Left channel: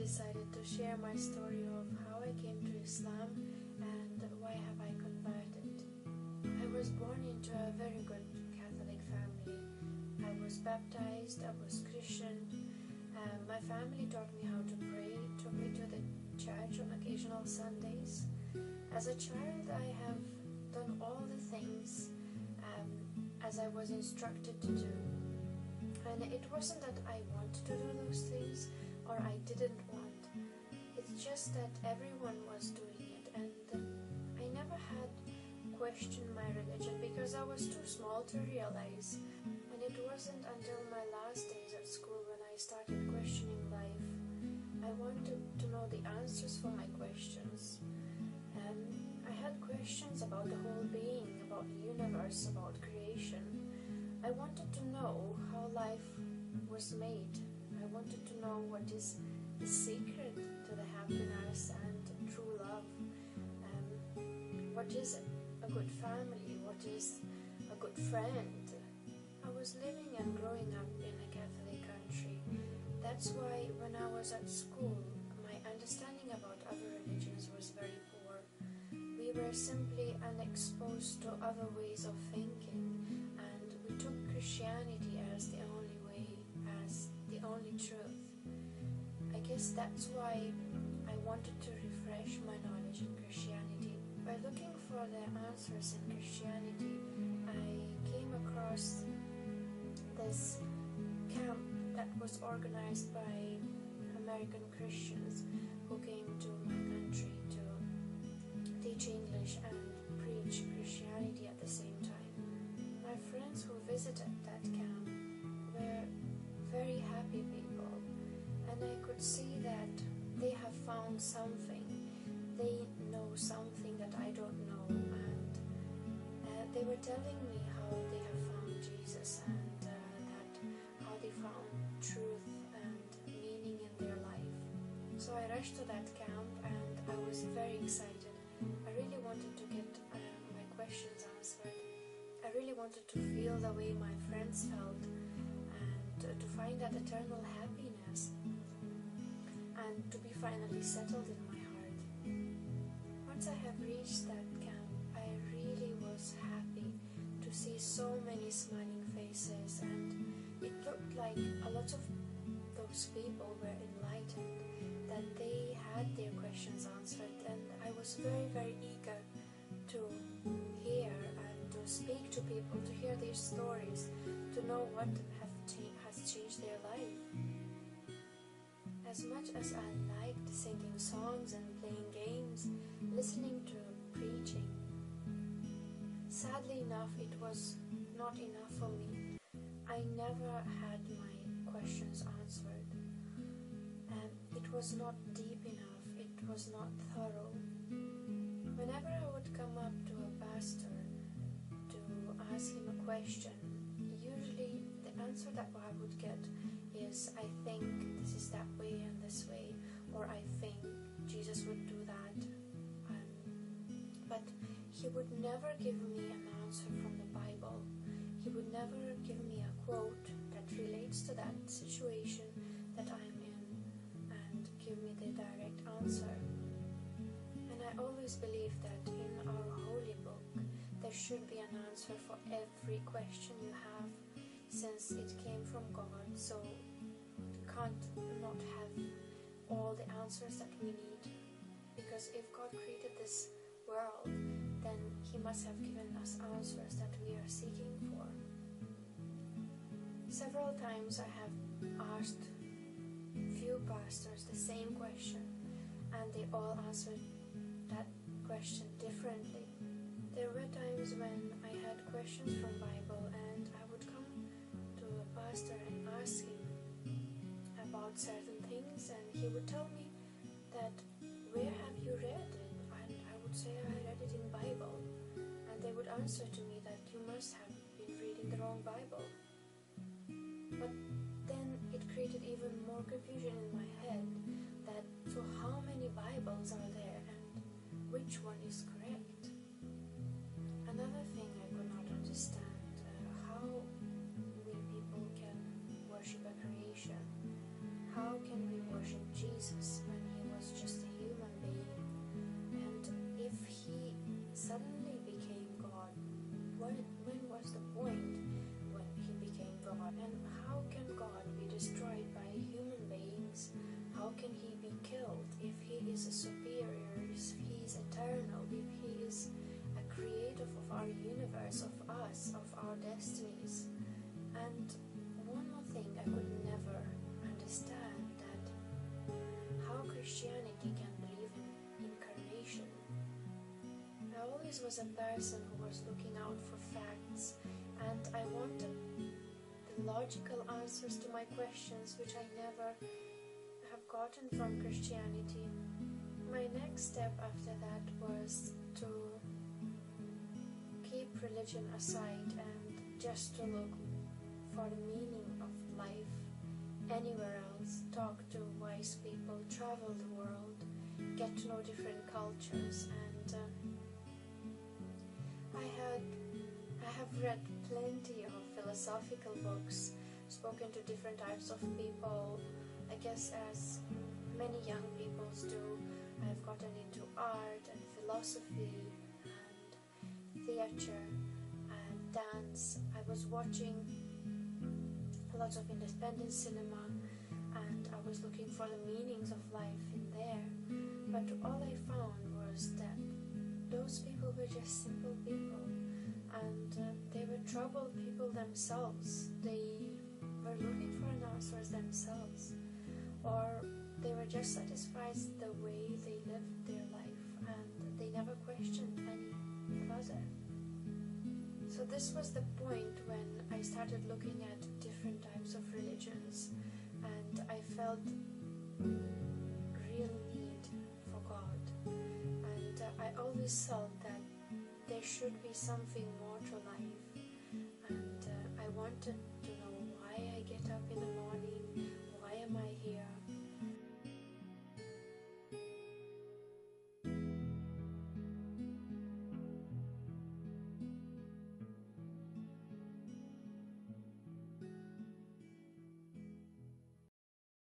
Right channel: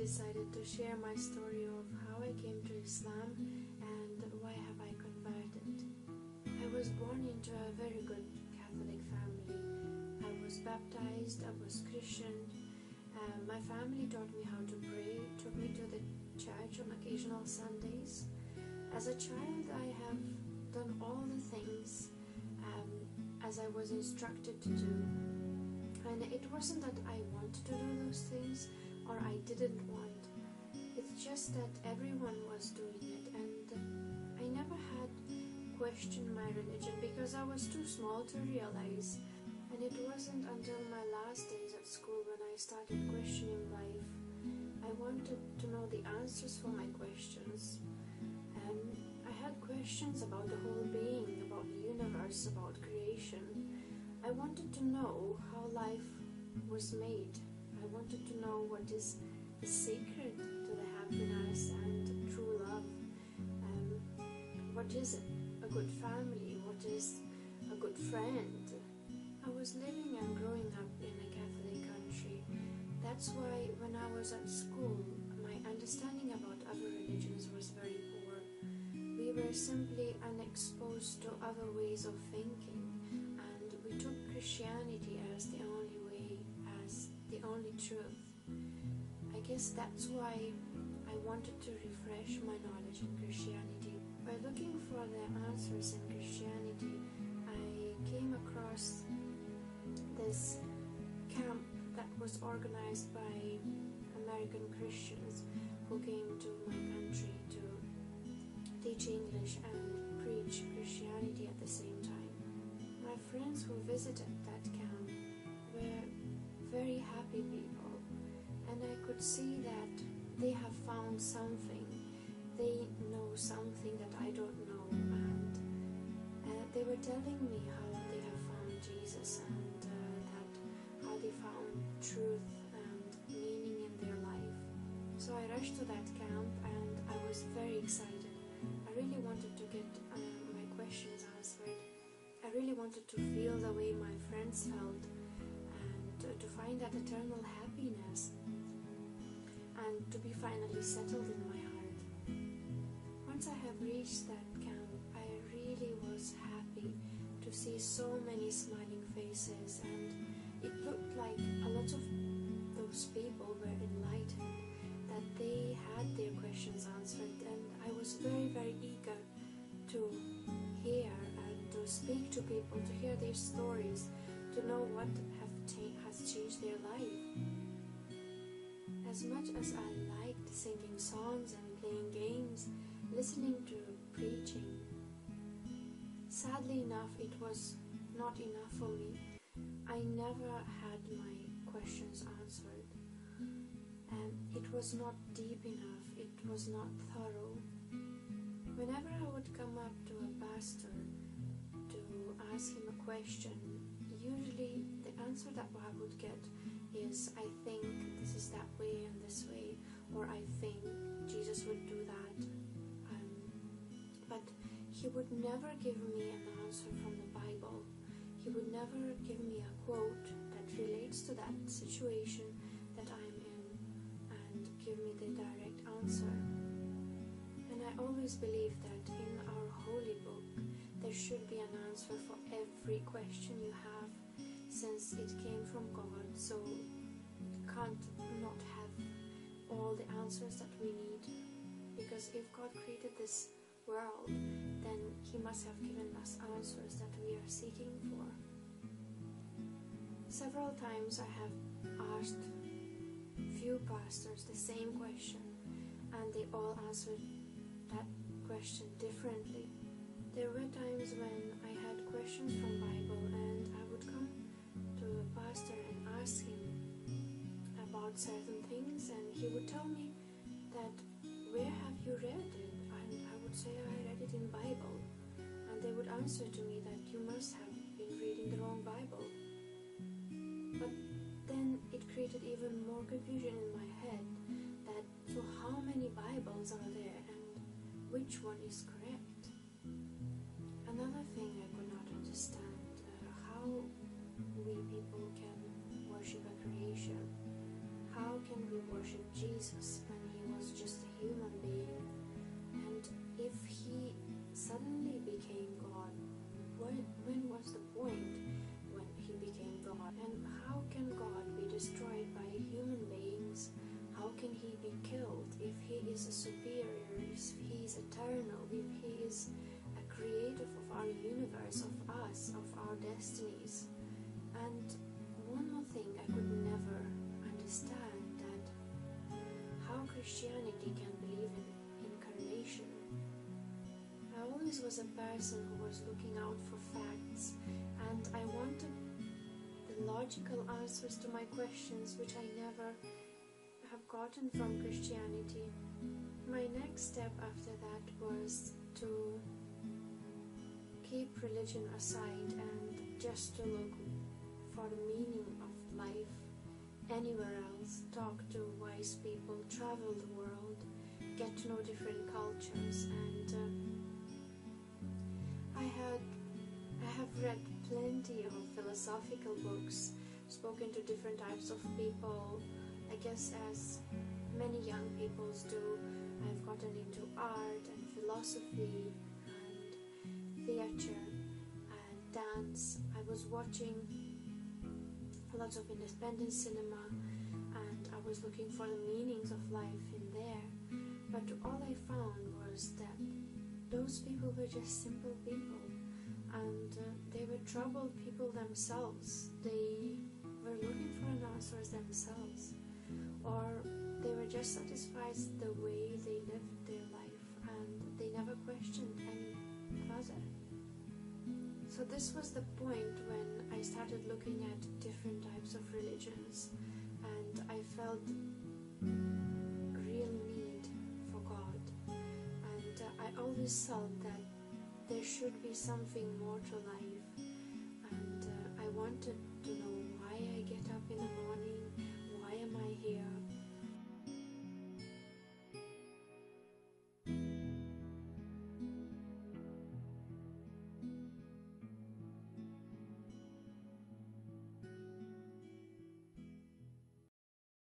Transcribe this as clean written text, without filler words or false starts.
decided to share my story of how I came to Islam and why have I converted. I was born into a very good Catholic family. I was baptized, I was Christian. My family taught me how to pray, took me to the church on occasional Sundays. As a child, I have done all the things as I was instructed to do. And it wasn't that I wanted to do those things or I didn't want. It's just that everyone was doing it, and I never had questioned my religion because I was too small to realize. And it wasn't until my last days at school when I started questioning life. I wanted to know the answers for my questions. I had questions about the whole being, about the universe, about creation. I wanted to know how life was made. I wanted to know what is the secret to the happiness and true love. What is it? A good family? What is a good friend? I was living and growing up in a Catholic country. That's why when I was at school, my understanding about other religions was very poor. We were simply unexposed to other ways of thinking, and we took Christianity as the only way, as the only truth. I guess that's why I wanted to refresh my knowledge in Christianity. By looking for the answers in Christianity, I came across this camp that was organized by American Christians who came to my country to teach English and preach Christianity at the same time. My friends who visited that camp were very happy people, and I could see that they have found something. They know something that I don't know, and they were telling me how they have found Jesus and how they found truth and meaning in their life. So I rushed to that camp and I was very excited. I really wanted to get my questions answered. I really wanted to feel the way my friends felt and to find that eternal happiness and to be finally settled in my heart. Once I have reached that camp, I really was happy to see so many smiling faces, and it looked like a lot of those people were enlightened, that they had their questions answered, and I was very, very eager to hear and to speak to people, to hear their stories, to know what has changed their life. As much as I liked singing songs and playing games, listening to preaching, sadly enough, it was not enough for me. I never had my questions answered. It was not deep enough, it was not thorough. Whenever I would come up to a pastor to ask him a question, usually the answer that I would get is, I think this is that way and this way, or I think Jesus would do that. But he would never give me an answer from the Bible. He would never give me a quote that relates to that situation that I'm in and give me the direct answer. And I always believe that in our holy book there should be an answer for every question you have, since it came from God, so can't not have all the answers that we need. Because if God created this world, then he must have given us answers that we are seeking for. Several times I have asked few pastors the same question, and they all answered that question differently. There were times when I had questions from Bible, and I would come to a pastor and ask him about certain things, and he would tell me that, where have you read it? And I would say, I read it in Bible. And they would answer to me that you must have been reading the wrong Bible. But then it created even more confusion in my head, that so how many Bibles are there and which one is correct? Another thing I could not understand, how we people can worship a creation, how can we worship Jesus when he was just a human being? And if he suddenly became God, when was the point when he became God? And how can God be destroyed by human beings? How can he be killed if he is a superior, if he is eternal, if he is a creator of our universe, of us, of our destinies? And one more thing I could never understand, that how Christianity can believe in incarnation. I always was a person who was looking out for facts, and I wanted the logical answers to my questions, which I never have gotten from Christianity. My next step after that was to keep religion aside and just to look for the meaning of life anywhere else, talk to wise people, travel the world, get to know different cultures. And I have read plenty of philosophical books, spoken to different types of people, I guess as many young people do. I've gotten into art and philosophy and theater and dance. I was watching lots of independent cinema, and I was looking for the meanings of life in there. But all I found was that those people were just simple people, and they were troubled people themselves. They were looking for an answer themselves, or they were just satisfied the way they lived their life, and they never questioned any further. So this was the point when I started looking at different types of religions, and I felt real need for God. And I always felt that there should be something more to life, and I wanted